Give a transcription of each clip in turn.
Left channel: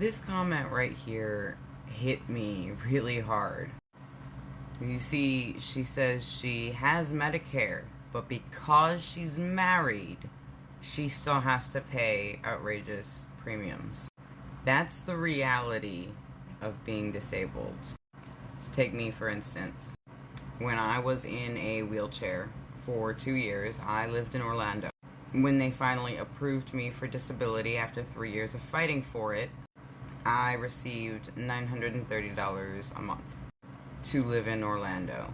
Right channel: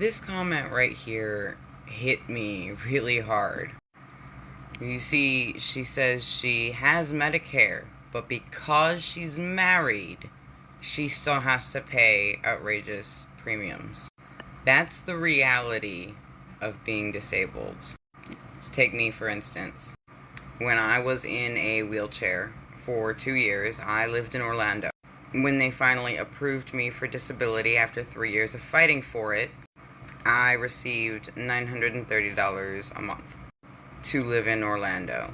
This comment right here hit me really hard. You see, she says she has Medicare, but because she's married, she still has to pay outrageous premiums. That's the reality of being disabled. Let's take me, for instance. When I was in a wheelchair for 2 years, I lived in Orlando. When they finally approved me for disability after 3 years of fighting for it, I received $930 a month to live in Orlando.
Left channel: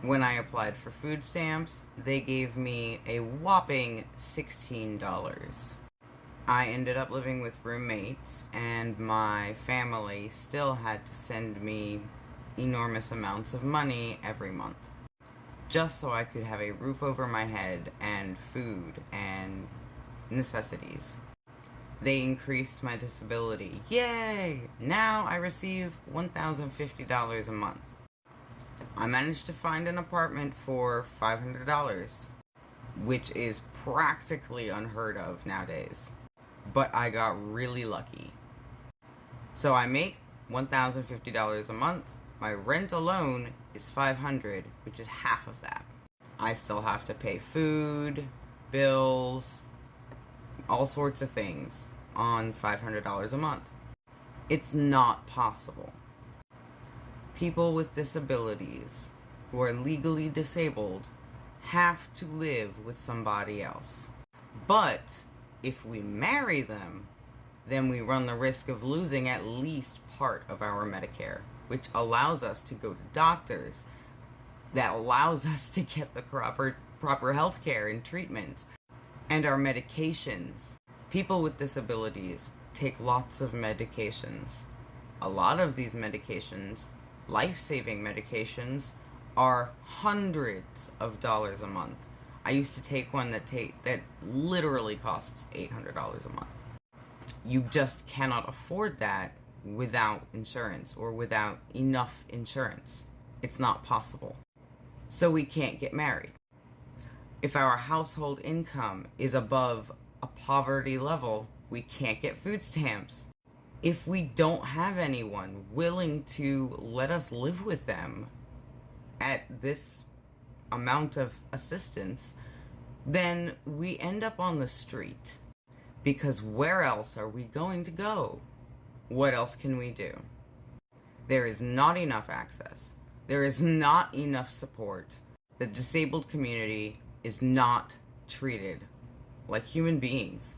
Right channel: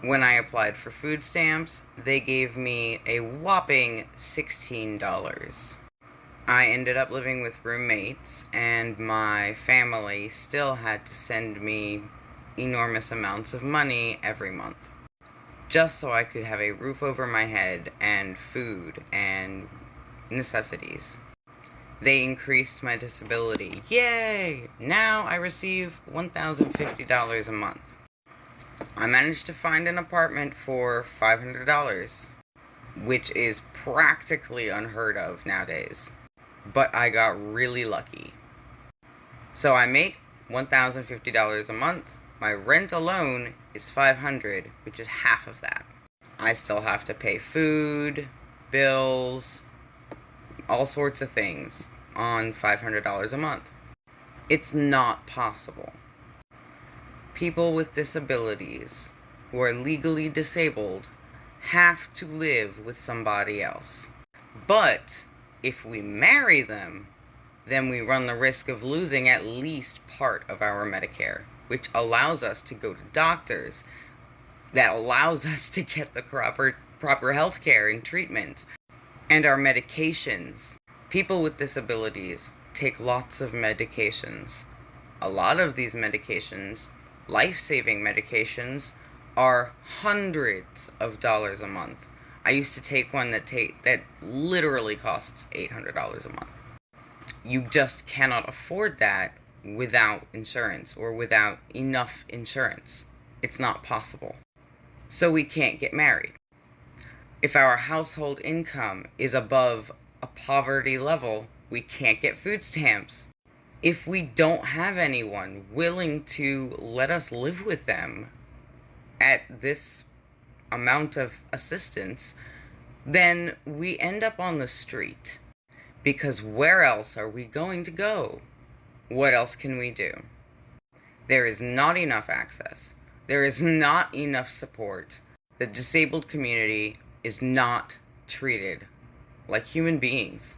When I applied for food stamps, they gave me a whopping $16. I ended up living with roommates, and my family still had to send me enormous amounts of money every month, just so I could have a roof over my head and food and necessities. They increased my disability. Yay! Now I receive $1,050 a month. I managed to find an apartment for $500, which is practically unheard of nowadays. But I got really lucky. So I make $1,050 a month. My rent alone is $500, which is half of that. I still have to pay food, bills, all sorts of things on $500 a month. It's not possible. People with disabilities who are legally disabled have to live with somebody else. But if we marry them, then we run the risk of losing at least part of our Medicare, which allows us to go to doctors, that allows us to get the proper health care and treatment, and our medications. People with disabilities take lots of medications. A lot of these medications, life-saving medications, are hundreds of dollars a month. I used to take one that literally costs $800 a month. You just cannot afford that without insurance or without enough insurance. It's not possible. So we can't get married. If our household income is above a poverty level, we can't get food stamps. If we don't have anyone willing to let us live with them at this amount of assistance, then we end up on the street. Because where else are we going to go? What else can we do? There is not enough access. There is not enough support. The disabled community is not treated like human beings.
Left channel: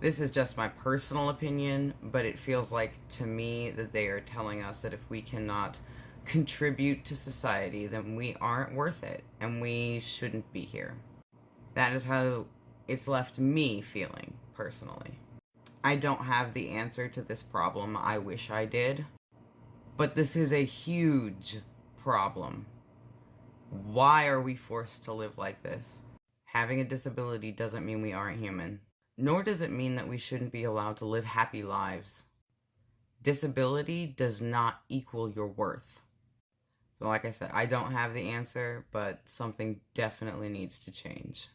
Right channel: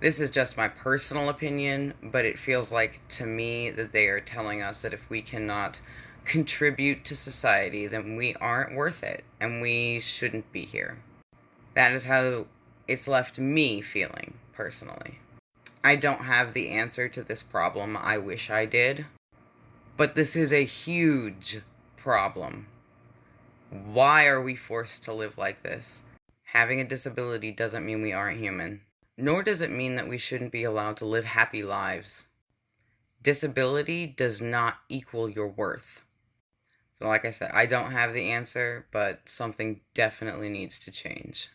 This is just my personal opinion, but it feels like to me that they are telling us that if we cannot contribute to society, then we aren't worth it and we shouldn't be here. That is how it's left me feeling personally. I don't have the answer to this problem. I wish I did. But this is a huge problem. Why are we forced to live like this? Having a disability doesn't mean we aren't human. Nor does it mean that we shouldn't be allowed to live happy lives. Disability does not equal your worth. So like I said, I don't have the answer, but something definitely needs to change.